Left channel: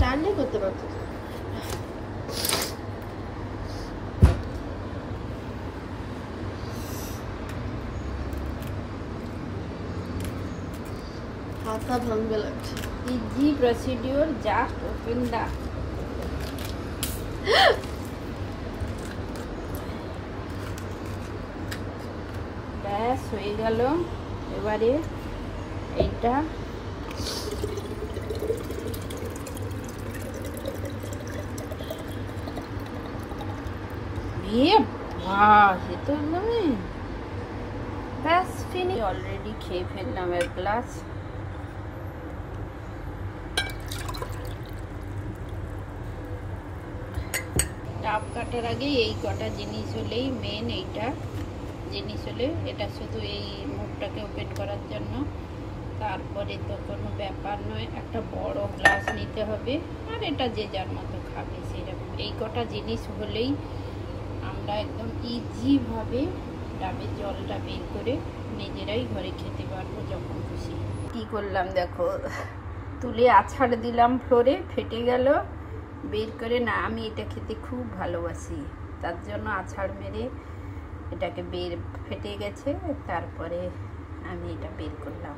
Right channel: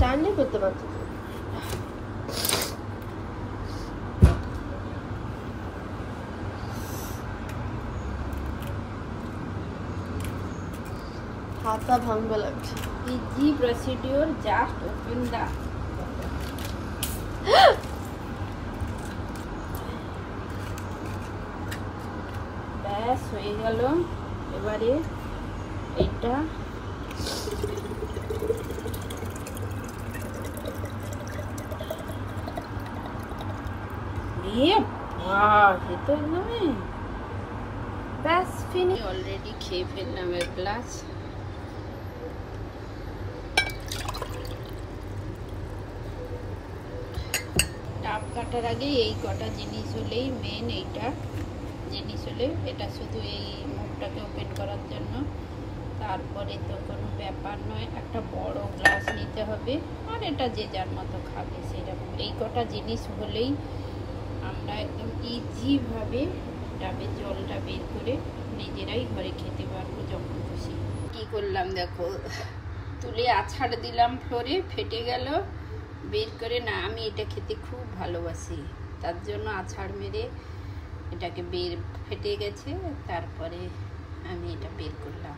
স্ট্যান্ডে করতে পারতো। হাতা ভাঙবে লাগছে। Easy procedure, just open the. ব্যাস হয়ে গেল। এবারে এইটা ব্যাস ফিনি। অলরেডি খেয়ে ফেললাম এক গ্লাস। ডাব কাটার আগে এই কটা জিনিস হলেই মেন, এইটা জিনিস হলে এটা শুধু এই মুখটাকে ওপেন করার জন্য, তারপরে তো কোনো ব্যাপার নয়। একটা বড় গ্লাস নিতে হবে, আর এটা যে যার মতো খাবে সেরকম। এই কটা জিনিস হলেই আমরা একদম ইজিভাবে ডাবের জলটা বের করে নিজেরাই ঘরে খেতে পারবো যখন খুশি। কি করলাম দেখো, তুলে আছাড় দিলাম ফ্লোরে, ফেটে গেল। বের করে না, আমি এটা খেতে খুব ভালোবাসি, তার জন্য আছাড় মেরে এটাকে ফেটে গেছে, তারপরে আমি এটা বের করলাম।